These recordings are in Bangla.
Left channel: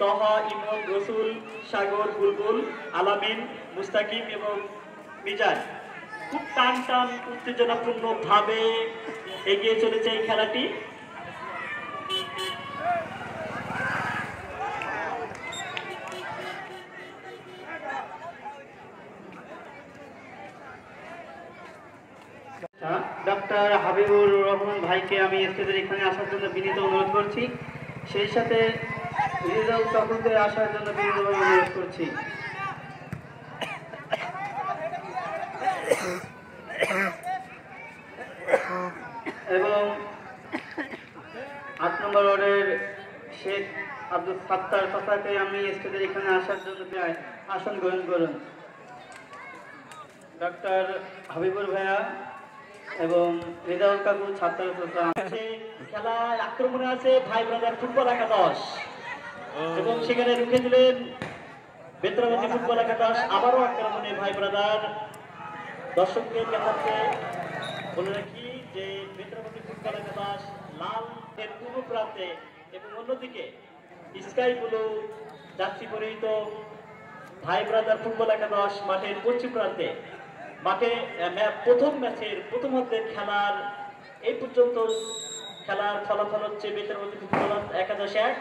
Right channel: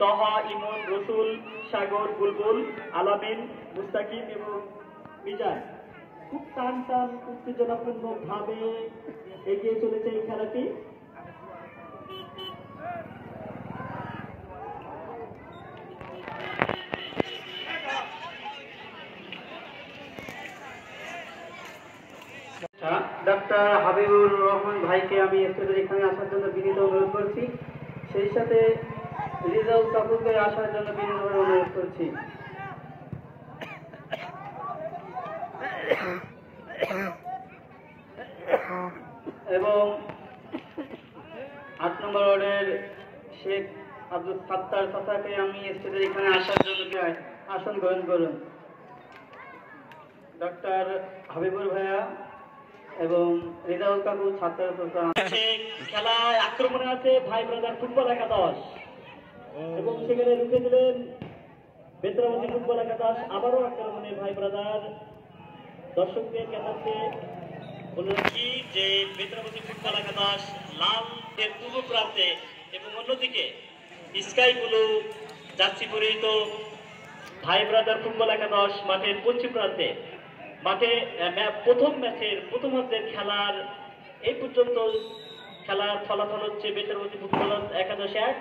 তহা, ইমন, রসুল, সাগর, বুলবুল, আলামিন, মুস্তাকিম এবং মিজান খুব টান টান উত্তেজনাপূর্ণ ভাবে এগিয়ে চলেছে এই খেলাটি। ডক্টর হাবিবুর রহমান ভাইকে আমি স্টেজের এখানে আসার জন্য বিনীত অনুরোধ করছি, সেই সাথে রিজাল সকলদের আসার জন্য বিনীত অনুরোধ করছি। এবং ৮ নম্বর ওয়ার্ডের শেখ আব্দুল ফাত্তার কথাকে আমি স্টেজের এখানে আসার জন্য আসন গ্রহণ করুন। ডক্টর হাবিবুর ভাইয়া এবং রেজাউল কাকু ছাত্র খেলায় আক্রমণে আছে ভাই ব্রাদার ফুটবল একাদশ এবং সেখানে রুখে দিলেন বেত্রাবতী ফুটবল একাদশ। আবারও আক্রমণে ভাই ব্রাদার। দর্শকদের কাছে বলে রাখি যে বেত্রাবতী ফুটবল একাদশ লাল এর পূর্ব প্রান্তে এবং অন্যদিকে স্কাই ব্লু জার্সি পরিহিত ভাই ব্রাদার ফুটবল একাদশ মাঠের পশ্চিম প্রান্তে। মাঠে প্রথম ম্যাচের প্রথমার্ধের খেলার এই পর্যন্ত খেলার ফলাফল হচ্ছে বেত্রাবতী ফুটবল একাদশ 1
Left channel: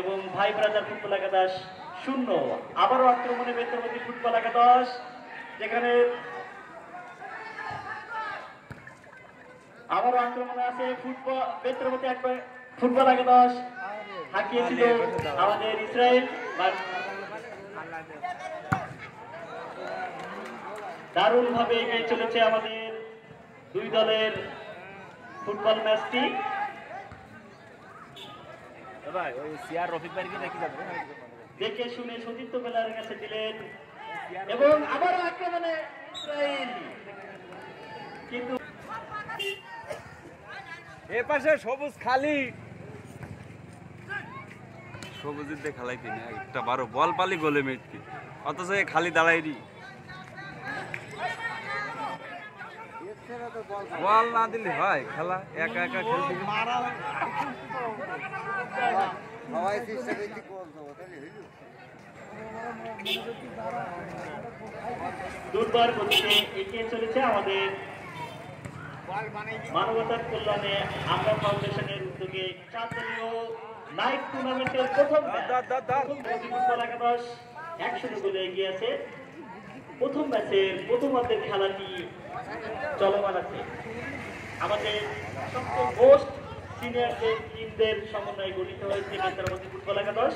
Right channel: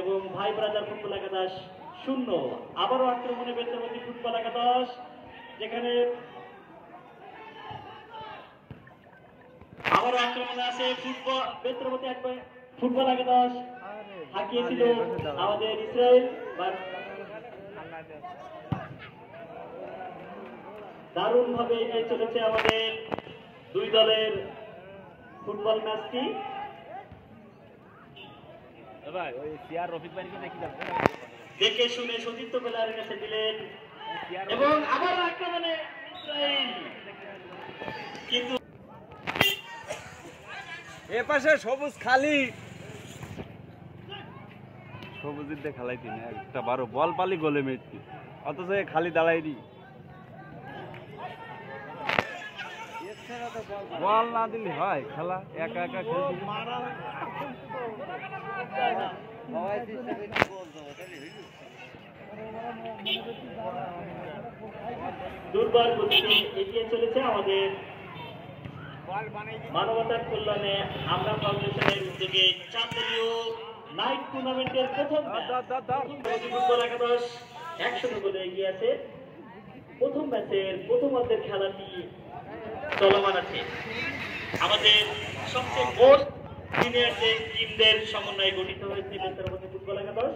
এবং ভাই ব্রাদার ফুটবল একাদশ 0। আবারও আক্রমণে বেত্রাবতী ফুটবল একাদশ, যেখানে আবারও আক্রমণে আছে বেত্রাবতী ফুটবল একাদশ হাঁকিয়েছিল আমাদের ইসরায়েল। দারুণ ভাবে এগিয়ে চলেছে আমাদের দুই দলের ফুটবল ম্যাচটি। দেখে শুনে সতীর্থ বেলার কাছে দিলেন এবং আবার আক্রমণে ইসরায়েল, কিন্তু এপাশে সবুজ খালি সবুজের দিয়ে খেলাইতি না একটা বারো বল পালি গোলে মেটকি, অথচ খালি দাঁড়াই দি বল না দিলে হয় খেলা একা একা খেলতে দুর্বার গতিতে এগিয়ে চলেছে আমাদের মানবতার কল্যাণে আমরা ফাউন্ডেশনের উদ্যোগে চাঁদলীয় নাইট টুর্নামেন্টের প্রথম ফুটবল একাদশ 100 গোলে এগিয়ে আছে। প্রথম ম্যাচের প্রথমার্ধের খেলাটি চলমান আছে। আমাদের সবচেয়ে মোস্ট সিনিয়র যে টিমদের সমন্বয়ে গঠিত হয়েছে বেত্রাবতী ফুটবল একাদশ,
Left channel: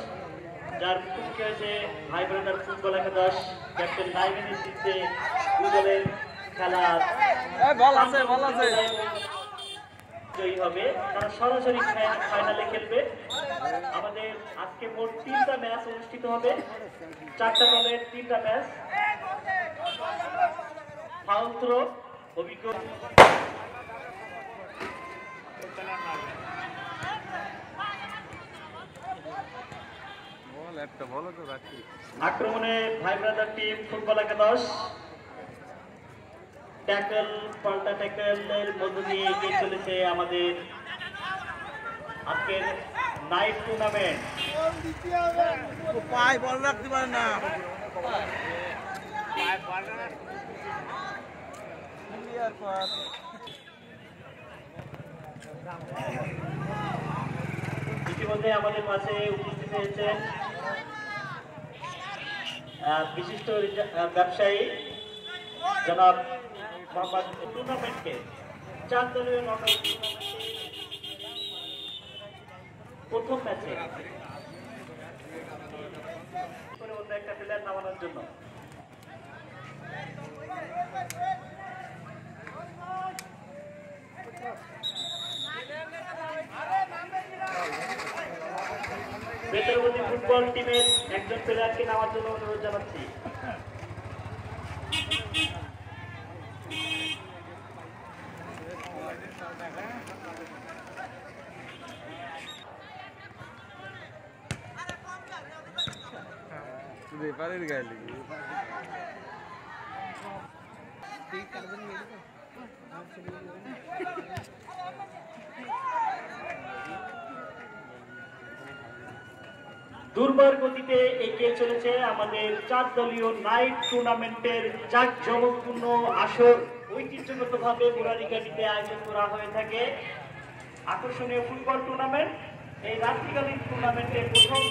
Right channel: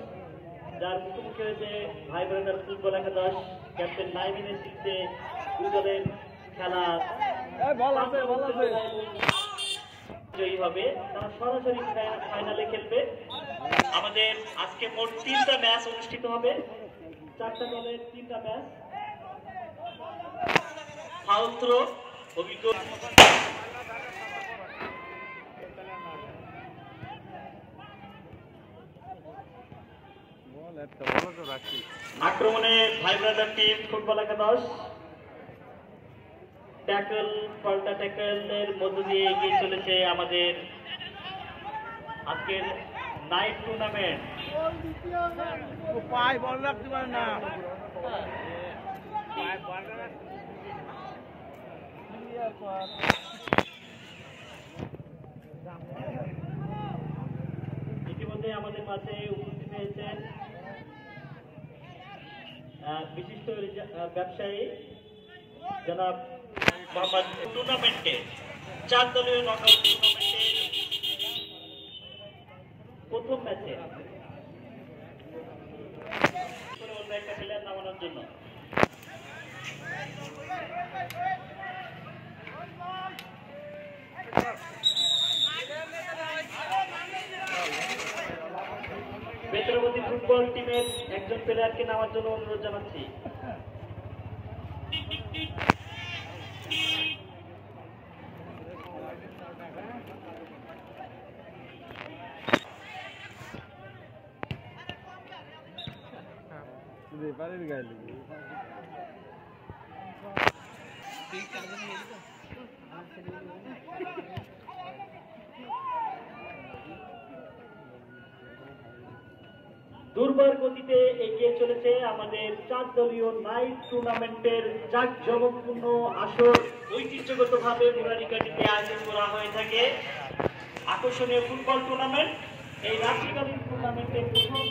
যার মুখোমুখি হয়েছে ভাই ব্রাদার ফুটবল একাদশ। ক্যাপ্টেন নাইমের নেতৃত্বে দুই দলের খেলা জয়ী হবে, কারণ সরাসরি ফাইনালে খেলবে। আমাদের আজকে মোট 3টা ম্যাচ অনুষ্ঠিত হবে, 4টা দলের 3টা ম্যাচ। ফাউল থ্রো অভিজ্ঞ আক্রমণে ভাই ব্রাদার টিম ফুটবল একাদশ ট্যাকল পাল্টা ট্যাকলের মধ্য দিয়ে এগিয়ে চলেছে আমাদের আজকের নাইট টুর্নামেন্ট। পায়ে বল রাখতে পারে না, ইতিমধ্যে আমাদের মাঝে উপস্থিত হয়েছেন বিশিষ্ট ব্যবসায়ী জনাব মোহাম্মদ। টুর্নামেন্টে 4 দলীয় নকআউট প্রথম ম্যাচে অন্য একটা প্লেয়ার নামানোর জন্য বেত্রাবতী ফুটবল টিমের একজন প্লেয়ারকে নামার জন্য অনুরোধ জানাচ্ছি। দুর্বার গতিতে এগিয়ে চলেছে আমাদের 4 দলীয় নাইট টুর্নামেন্টের জাঁকজমকপূর্ণ আসর ঐতিহ্যগতভাবে মুরারীঘাটিতে আয়োজন করা হয়ে থাকে। আকর্ষণীয় ফুটবল টুর্নামেন্ট। এই রাত্রিকালীন টুর্নামেন্টের প্রথম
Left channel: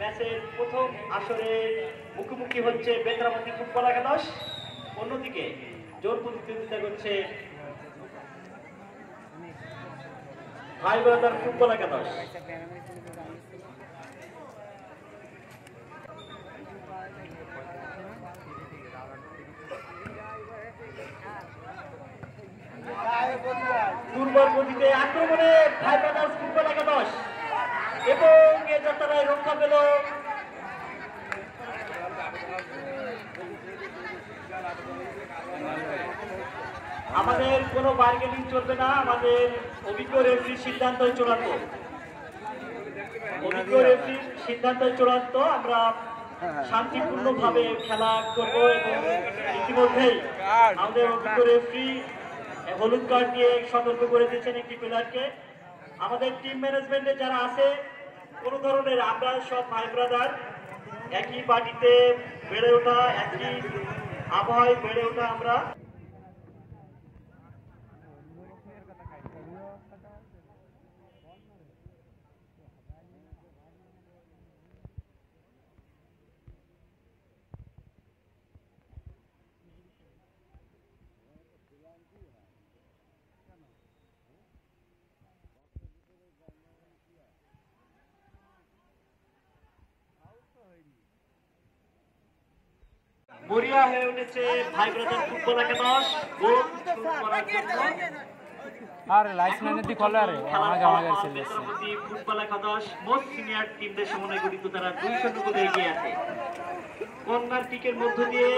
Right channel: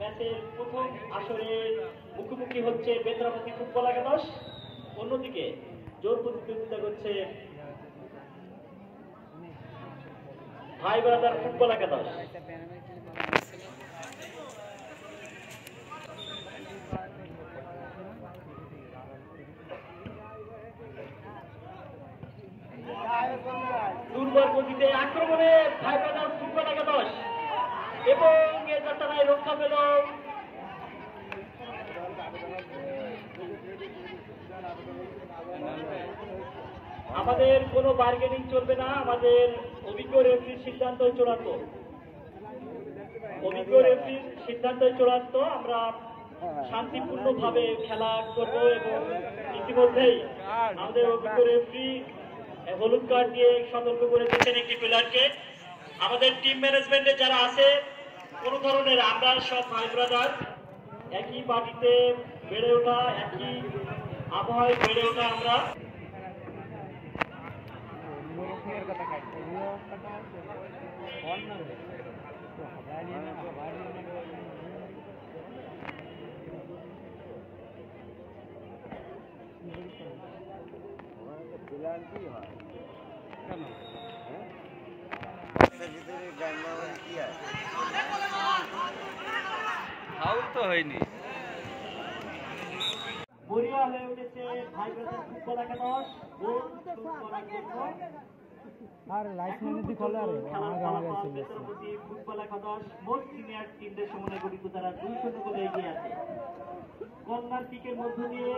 ম্যাচের প্রথম আসরে মুখোমুখি হচ্ছে বেতরামতি ফুটবল একাদশ, অন্যদিকে জোর প্রতিদ্বন্দ্বিতা করছে ভাই ব্রাদার ফুটবল একাদশ। দুর্বল গতিতে আক্রমণে ভাই ব্রাদার্স ফুটবল একাদশ এবং এ যাত্রায় রক্ষা পেল আমাদের কোনো বার্গেনিং চলবে না, আমাদের অভিজ্ঞ রেফারির সিদ্ধান্ত চূড়ান্ত। অভিজ্ঞ রেফারির সিদ্ধান্ত চূড়ান্ত। আমরা শান্তিপূর্ণভাবে খেলা করব এবং ইতিমধ্যেই আমাদের অভিজ্ঞ রেফারি হলুদ কার্ড দিয়ে সতর্ক করে দিচ্ছেন একটি প্লেয়ারকে। আমাদের টিম ম্যানেজমেন্টে যারা আছে কোনো ধরনের, আমরা সব ভাই ব্রাদার, একই বাড়িতে বেড়ে ওঠা, একই আবহাওয়ায় বেড়ে ওঠা আমরা। হয়নি মরিয়া হয়ে উঠেছে ভাই ব্রাদার ফুটবল একাদশ গোল শুট করার জন্য। আর লাইসম্যানের দিক হলে আরে আমাকে ফুটবল একাদশ মোস্ট সিনিয়র টিমদের সমন্বয়ে গঠিত, তারা 2-0 গোলে এগিয়ে আছে। কর্নার কিকের মধ্য দিয়ে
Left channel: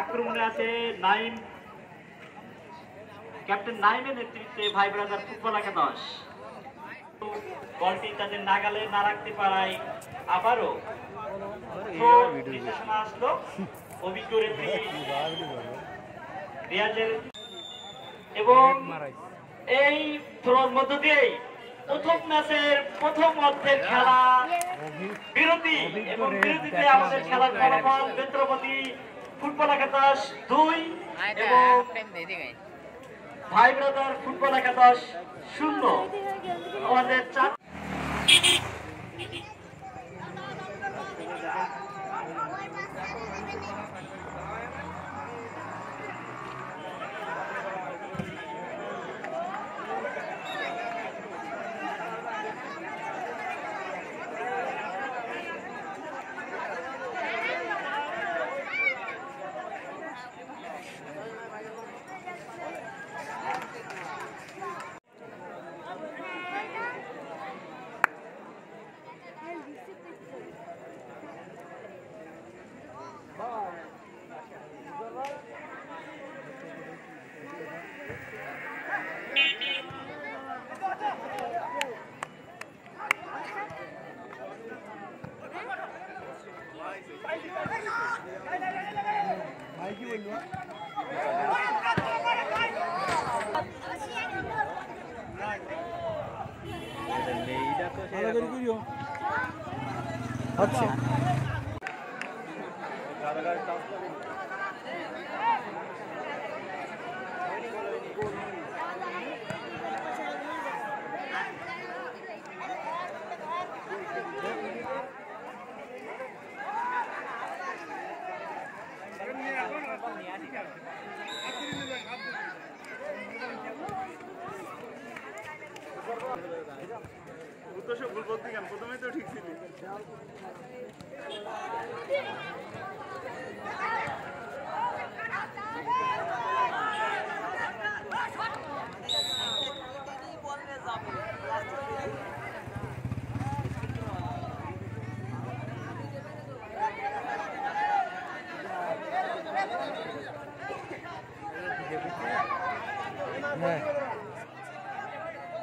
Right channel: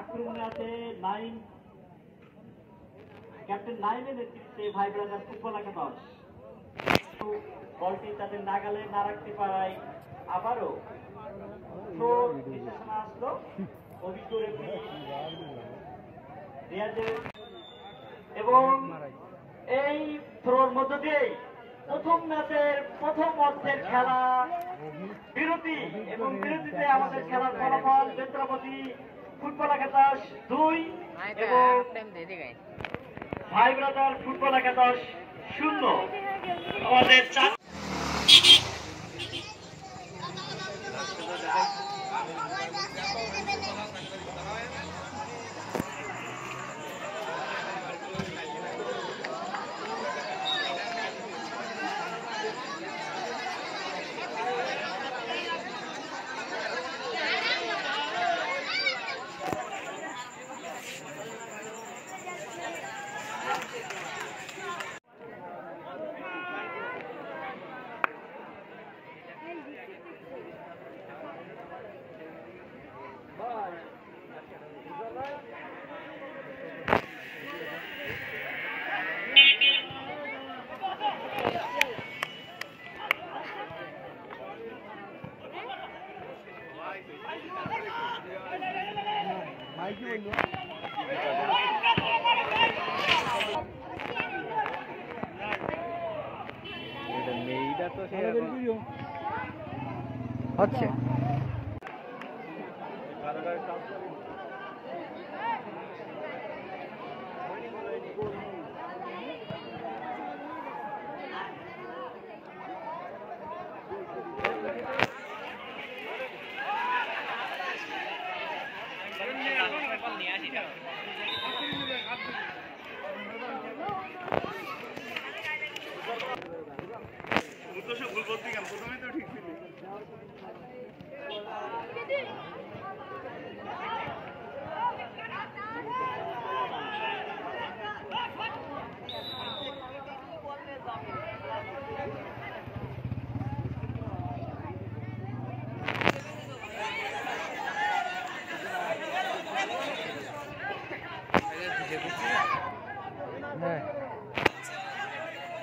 আক্রমণে আছে নাইম, ক্যাপ্টেন নাইমের নেতৃত্বে ভাই ব্রাদার ফুটবল একাদশ। বলটি তাদের নাগালে না রাখতে পারায় আবারও আসলো অভিজ্ঞ রেফারি রিয়াজের, এবং এই থ্রোর মধ্য দিয়েই প্রথম ম্যাচের প্রথম অর্ধের খেলা বিরতি, এবং বিরতিতে আমাদের খেলার ফলাফল বেত্রপতি ফুটবল একাদশ 2 এবং ভাই ব্রাদার ফুটবল একাদশ 0। আমাদের 4 আচ্ছা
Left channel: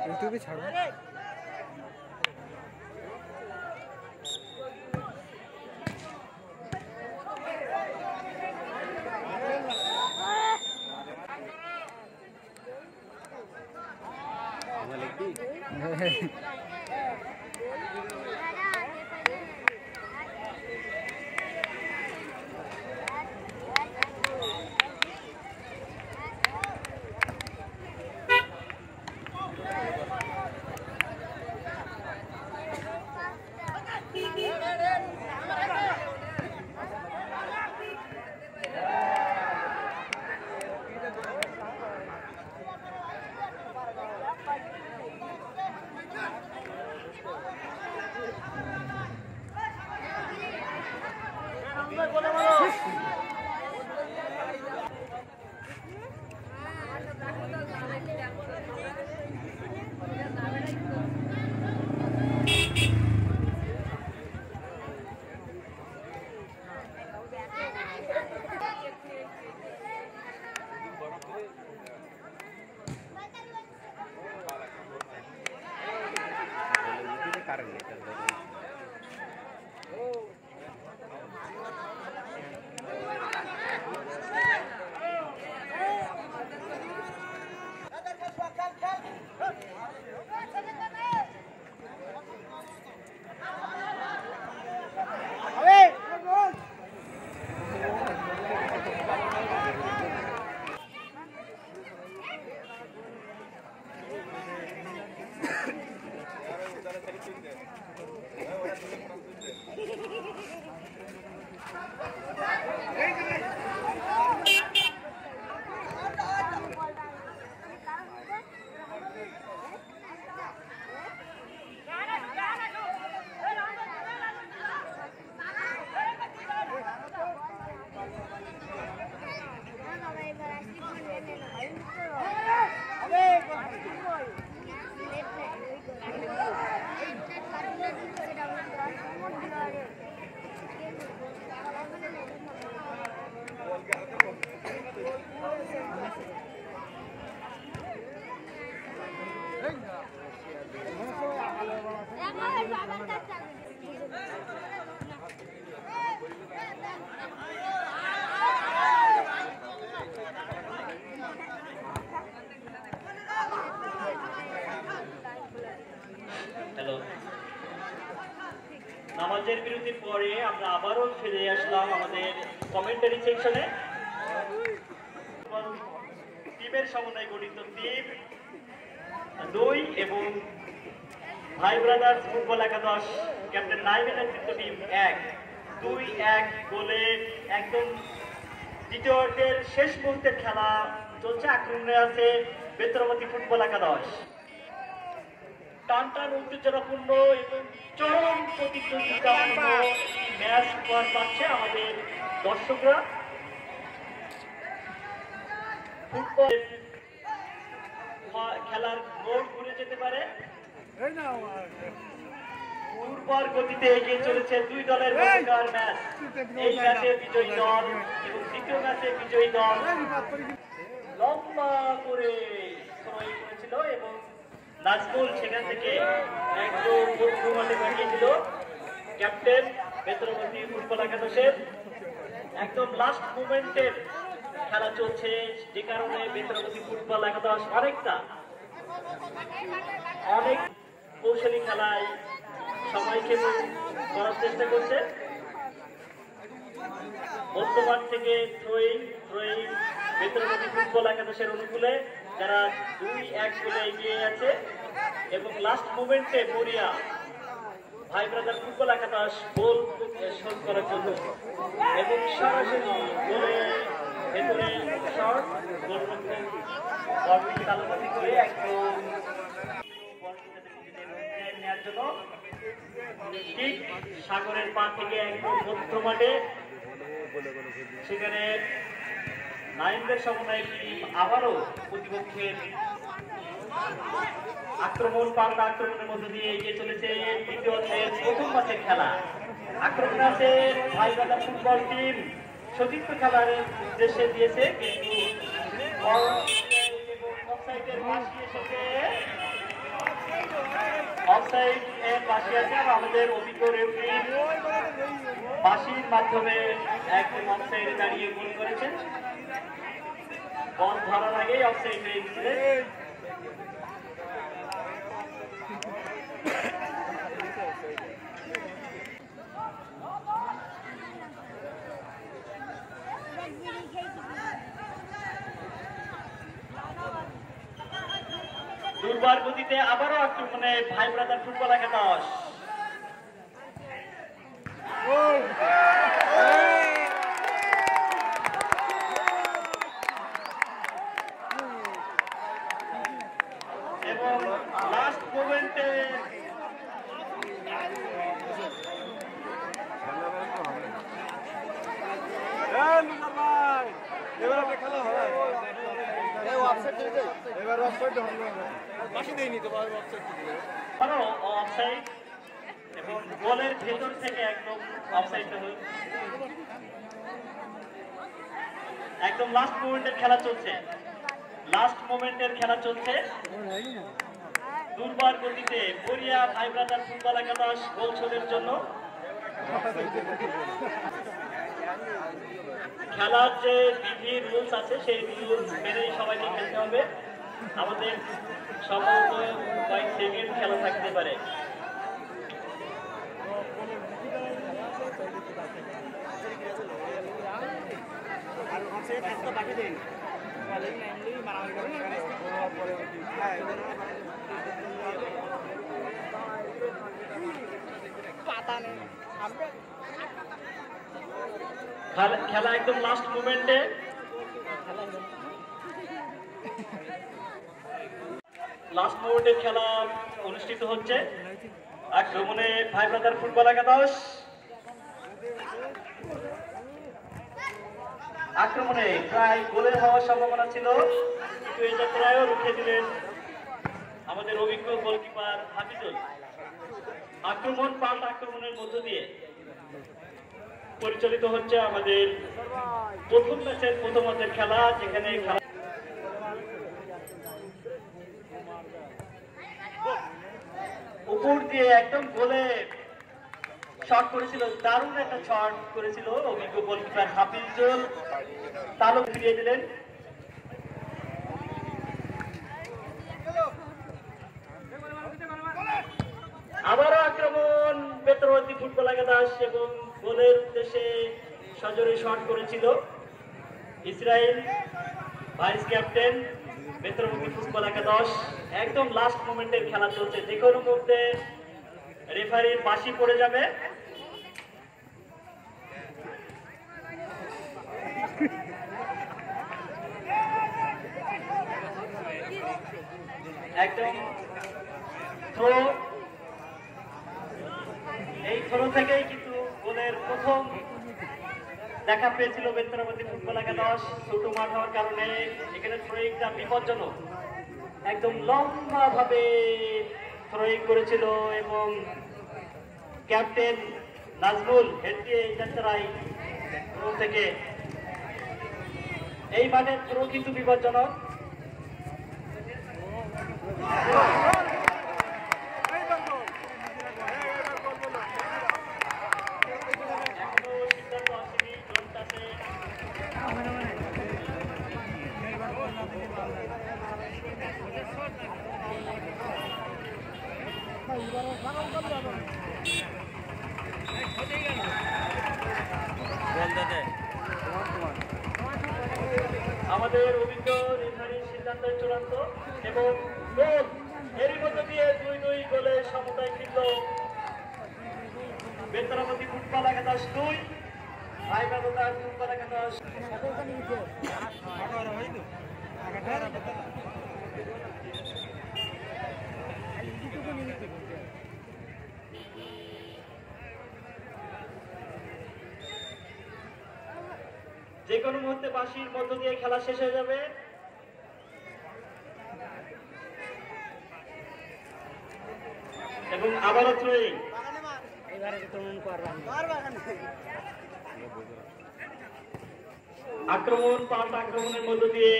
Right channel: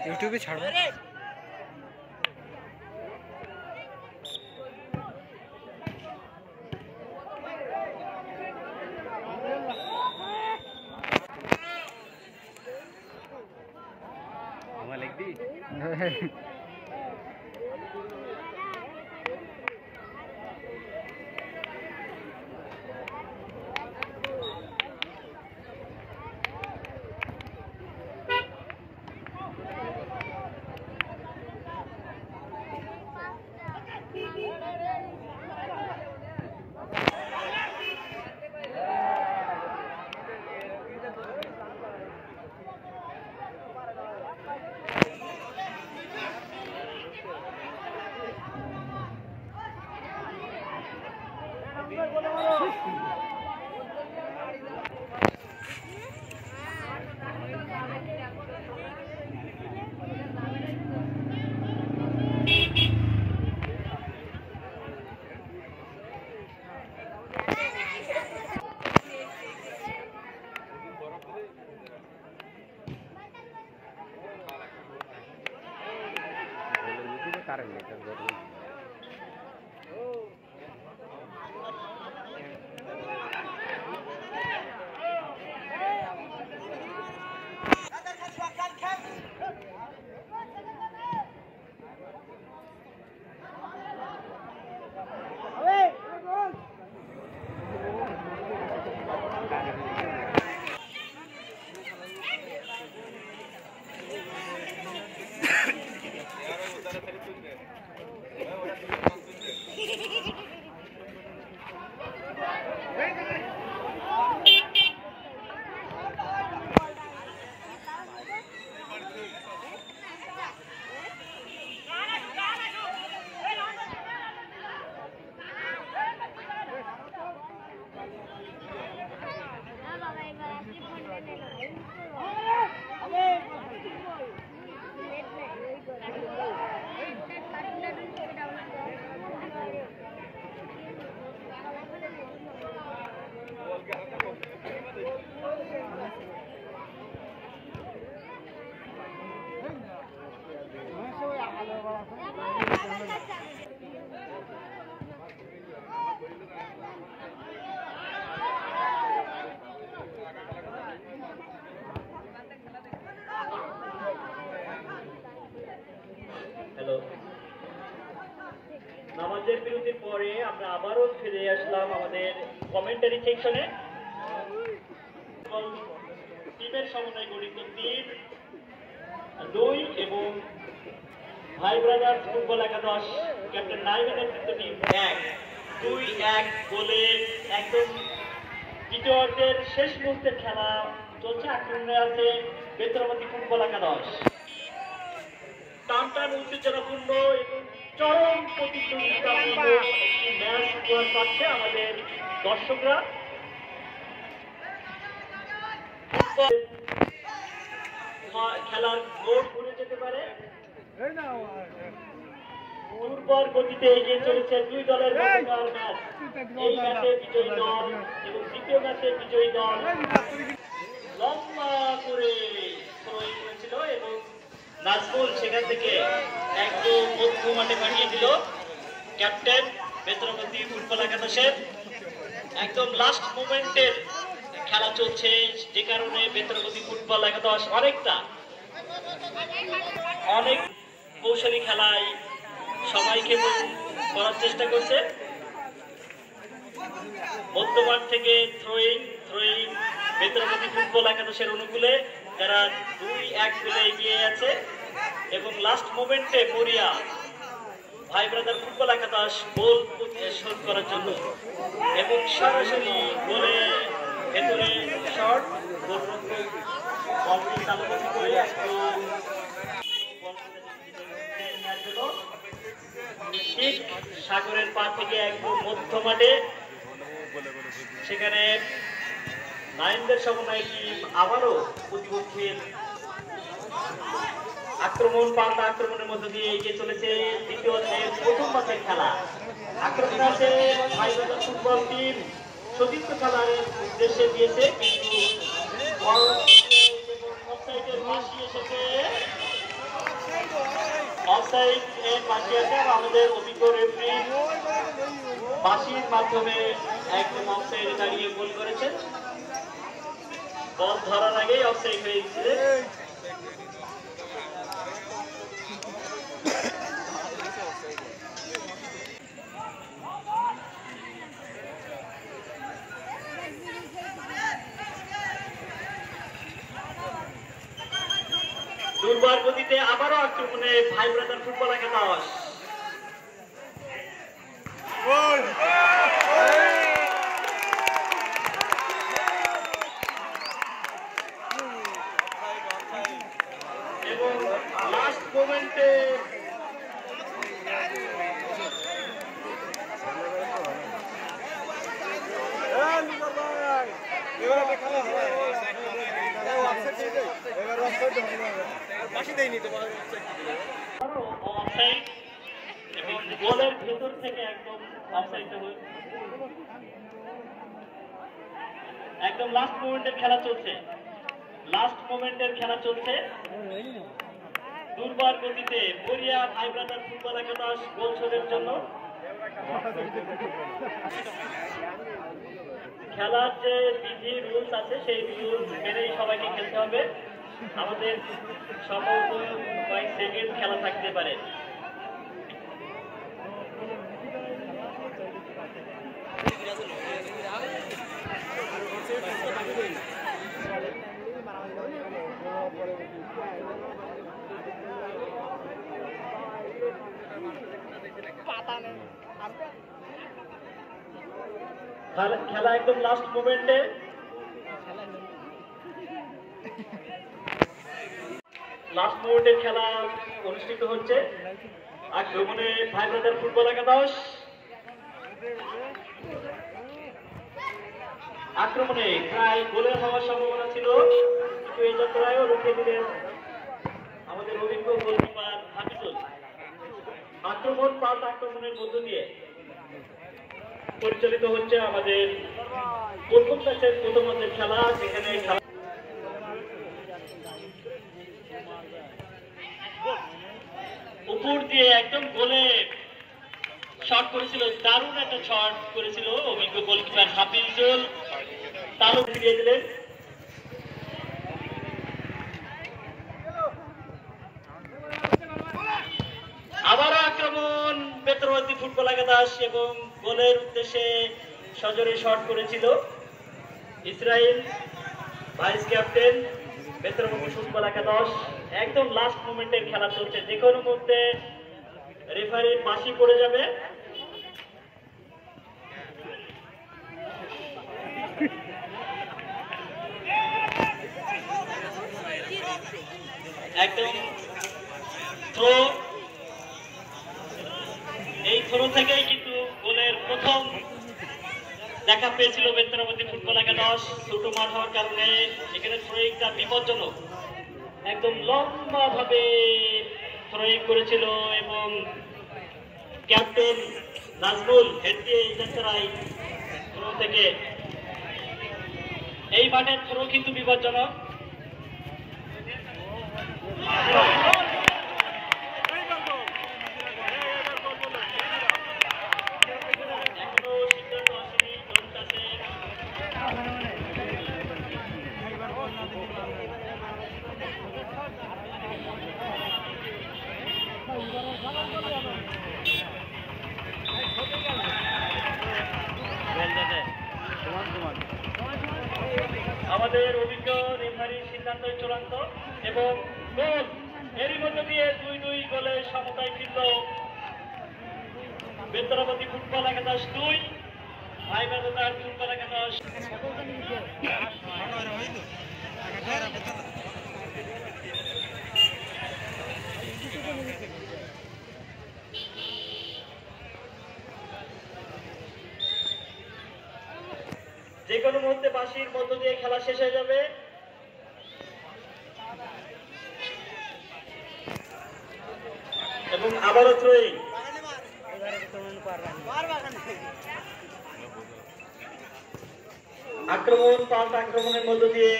ইউটিউবে ছাড়বো। আমার লিখবি নামাজের বিরতির পরে আমরা আবারও ফিরে আসলাম আমাদের কমেন্টারি সেকশনে। টিমের সমন্বয়ে গঠিত টিম 2 এবং ভাই ব্রাদার্স ফুটবল একাদশ ক্যাপ্টেন নাইমের নেতৃত্ব টিম 1-2-1 গোলে একদম দ্বিতীয়ার্ধের শেষ মুহূর্তের খেলা চলছে। আক্রমণে আছে বেতরমতি ফুটবল একাদশ। টানটান উত্তেজনাপূর্ণ এবং চরম প্রতিদ্বন্দ্বিতামূলক ম্যাচ উপহার পাচ্ছে আমাদের দর্শকরা। খেলার গোল ঘুরে যেতে পারে। দুর্বল গতিতে এগিয়ে চলেছে দুই দলের মধ্যকার ম্যাচ। এই ম্যাচে বিজয়ী দল এবং দ্বিতীয় ম্যাচে বিজয়ী দল লম্বা করে সময় করেছিল এবং নাজমুল সেখান থেকে একদম মধ্য মাঠে পাঠিয়ে দিল ক্যাপ্টেন বেতরমতি ফুটবল একাদশের। একদম লাস্ট মোমেন্টের খেলা চলছে, যে কারণে বেতরমতি ফুটবল একাদশ অনেক কৌশলী খেলায় সবাইকে করার চেষ্টা করছে। মধ্যমাঠ থেকে থ্রোয়িং বেতরমতি ফুটবল একাদশের অনুকূলে, যারা 2-1 গোলে এগিয়ে আছে এবং লাস্ট মোমেন্টে মরিয়া ভাই ব্রাদার ফুটবল একাদশ গোল শোধ করার জন্য এবং সরাসরি গোলে ভেতরে শট বলটি তালুবন্দি করে একদম ঠিক সাগরের পার থেকে একদম মধ্য মাঠে, সেখানে নাইমদের সমন্বয়ে টিম আবারও প্রতিপক্ষের আক্রমণের মধ্য দিয়ে এগিয়ে চলেছে দ্বিতীয় প্রথম ম্যাচের খেলা। আক্রমণ আছে ভাই ব্রাদার ফুটবল টিম সতীর্থ খেলার উদ্দেশ্যে দিয়েছে, কিন্তু অফসাইডের পাশে এসেছে। অফসাইড এর পাশে আছে আমাদের অভিজ্ঞ রেফারি বাঁশির মাধ্যমে একদম অফসাইডে দাঁড়িয়ে গোল করেছেন। বল ধরার আগেই অফসাইড হয়ে গেছিল। দুর্বার গতিতে আবারও আক্রমণে ভাই ব্রাদার ফুটবল একাদশ। এবং লাস্ট মোমেন্টে অফসাইড এবং বলের ভেতর থেকে একদম অফসাইডটা হয়ে একদম লাস্ট মোমেন্টের খেলা চলছে। লাস্ট মোমেন্টের খেলা চলছে। দুর্বার গতিতে কোরিয়া ভাই ব্রাদার ফুটবল একাদশ গোল শোধের জন্য খেলার যে বিধি রুলস আছে সেই রুলস মেনেই সবাইকে খেলতে হবে। আমাদের সম্ভবত কয়েক সেকেন্ড খেলা থাকতে পারে। খেলা একদম লাস্ট মোমেন্টে খেলা অনুষ্ঠিত হচ্ছে। আক্রমণে ভাই ব্রাদার ফুটবল একাদশ, আক্রমণে প্রায় গোলের হওয়ার সম্ভাবনা ছিল, কিন্তু এই যাত্রায়ও রুখে দিলেন আমাদের অভিজ্ঞ গোলকিপার হাফিজুল। আক্রমণ পাল্টা আক্রমণের মধ্য দিয়ে পরিচালিত হচ্ছে আমাদের প্রথম ম্যাচের প্রথমার্ধের খেলা, যেখানে উপর দিয়ে একদম গোলে শট করেছিল, দারুণ একটা শট করেছিল অভিজ্ঞ গোলকিপার হাফিজুল, তালু ফিরিয়ে দিলেন। আবারও আক্রমণ বেতরবাদী ফুটবল একাদশ এবং গোলের উদ্দেশ্যে সজোরে শট করেছিল ইসরায়েল, ভাইস ক্যাপ্টেন বেতরবাদী ফুটবল একাদশ। একদম লাস্ট মোমেন্টের খেলা চলছে, যে কোনো মুহূর্তে রেফারির বাঁশি পড়ে যাবে। একদম থ্রো, এই থ্রো থেকেই কিন্তু গোলের প্রথম দেখা পেয়েছিল বেতরাবতী ফুটবল একাদশ। ছোট মাঠ হওয়ার কারণে এখানে থ্রোয়িংটা বিপজ্জনক, একদম লম্বা ভাবে থ্রোয়িং করেছিল এবং ক্যাপ্টেন নাজমুল হেড দিয়ে যাত্রায় থ্রো থেকে। এই মাঠের থ্রো কিন্তু বিপজ্জনক। আমাদের অভিজ্ঞ রেফারির সিদ্ধান্ত চূড়ান্ত এবং গোল, এরই মধ্য দিয়ে 2-2 গোলের সমতায় ফিরল বেতরাবতী ফুটবল একাদশ 2, ভাই ব্রাদার ফুটবল একাদশ। যে কোনো মুহূর্তে বাঁশির মধ্য দিয়ে খেলা শেষ হয়ে যাবে। এবং আবারও থ্রোয়িং, আক্রমণ পাল্টা আক্রমণের মধ্য দিয়ে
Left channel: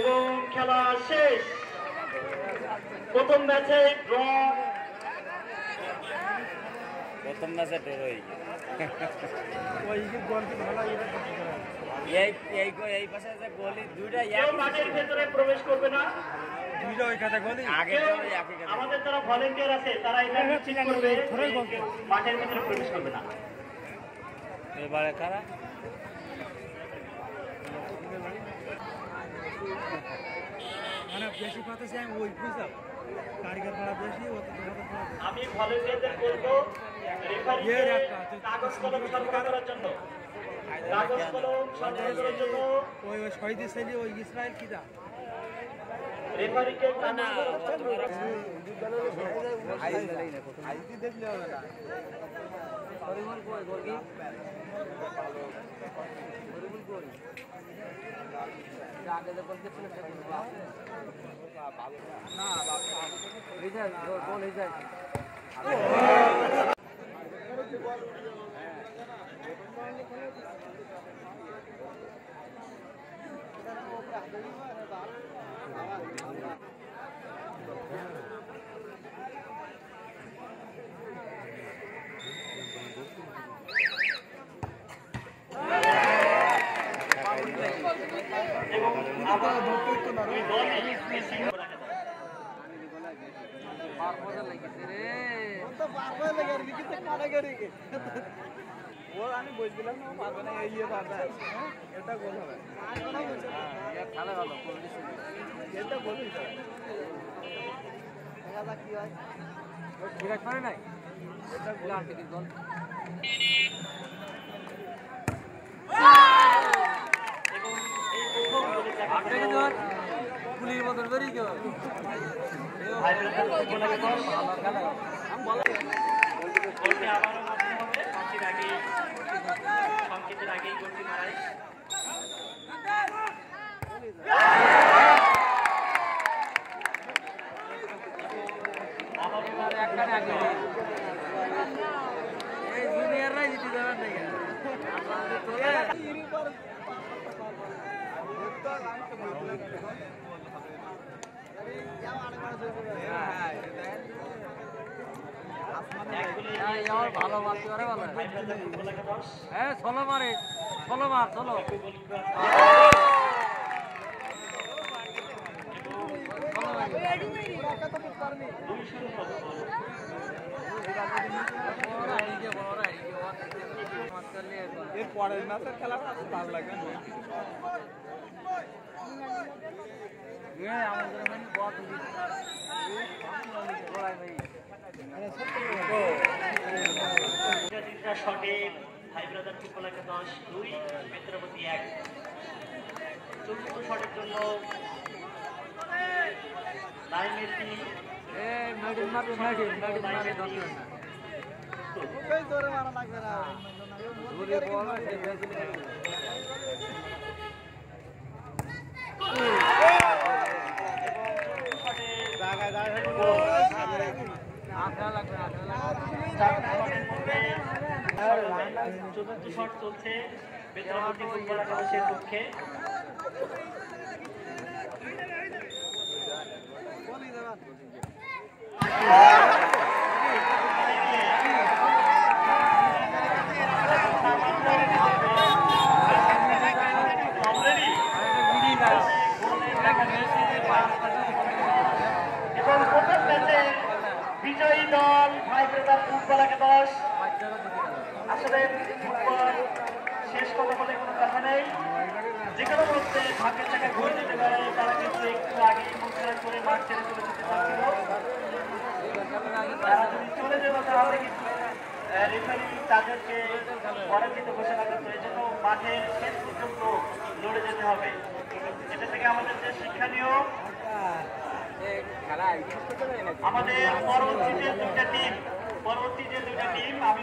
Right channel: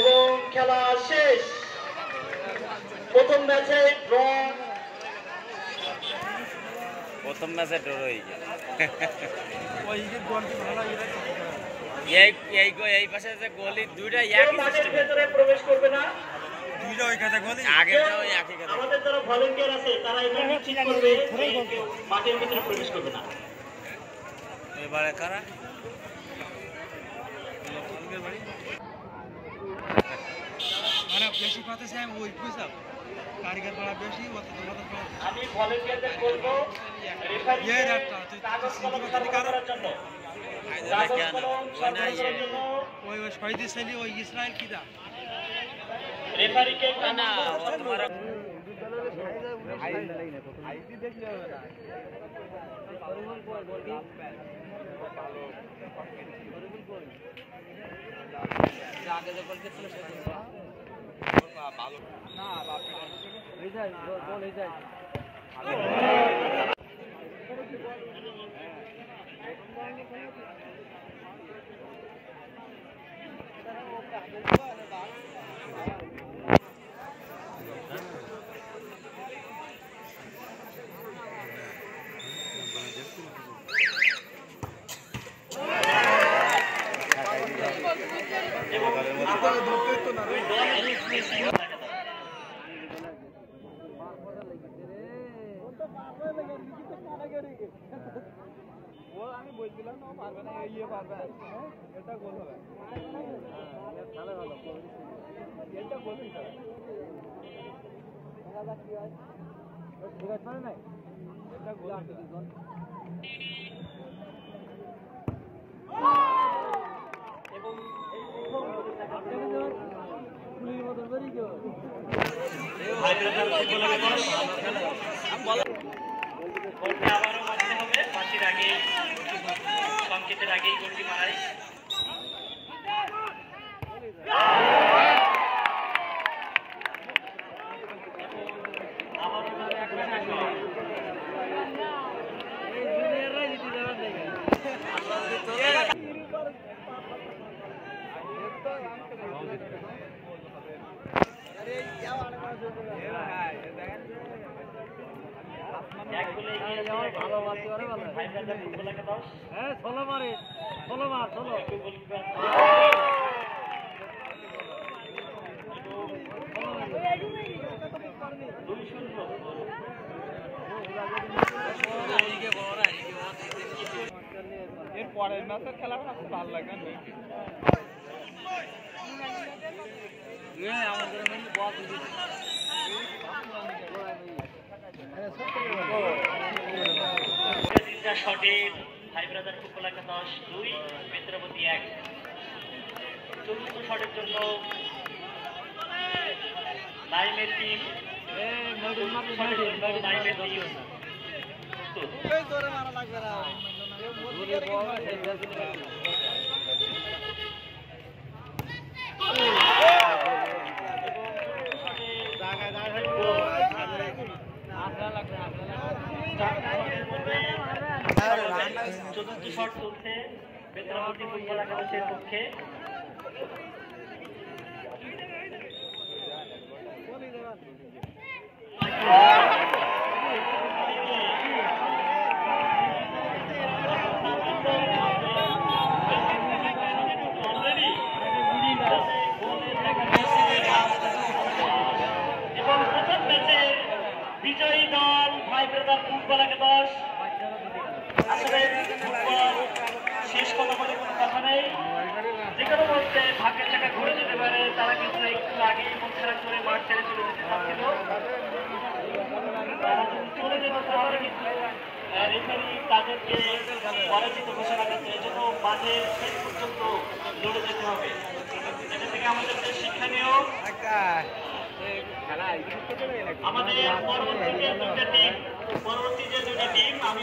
এবং খেলা শেষ। প্রথম ম্যাচে ড্র, প্রথম ম্যাচে ড্র হয়ে এই পাশে যে গোলি দুইটা মাঠের ভেতরে প্রবেশ করবে না। আমাদের যারা ভলেন্টিয়ার আছে তারা এটা নিশ্চিত করবে কেউ মাঠের ভিতরে প্রবেশ করবে না। এবারে কারা বেশি কথা চাই ওই বুঝা কারিগর বড় বেশি আমি ভলেন্টিয়ারদের বলবো এর একটা তো সিন্ডিকেট কারোর জন্য ওই শহীদ ছেলে ওই ইসরায়েল কিদা রেফারিকে না না পুলির মতন বেরিয়ে গেল সংকেতের আগেই গোলটি মারাই এই জুনিয়ররাই জিতে যাবেন নাকি ভালো মারতে পারে ভালো হ্যাঁ ষোলো মারে ষোলো মার ষোলো এর পরের ম্যাচের খেলাটা ভালো লাগবে আমাদের শটে ভাই ব্রাদার ফুটবল একাদশ 2 মিত্রপতি 1 চতুর্থ শটের জন্য নাইমের টিম চতুর্থ শট চলছে মিত্রপতি ফুটবল একাদশের পক্ষে বিজয়ী দল ভাই ব্রাদার ফুটবল একাদশ আসলে ফুটবল শেষ কথা বলে কোনো কথা নেই যে কোনো মুহূর্তে ভাগ্যের চাকা ঘুরে যেতে পারে তারা কিন্তু একটু আগে মন্ত্রণা করে মাঠ ছেড়ে চলে যেতে চাচ্ছিল চলে যেত তাহলে কিন্তু রেফারি তাদেরকে পরাজিত ঘোষণা করতো এই জন্য মাঠের শেষ পর্যন্ত লড়ে যেতে হবে এটা থেকে আমাদের শিক্ষণীয় আমাদের পরবর্তী যে দুটা টিম আমি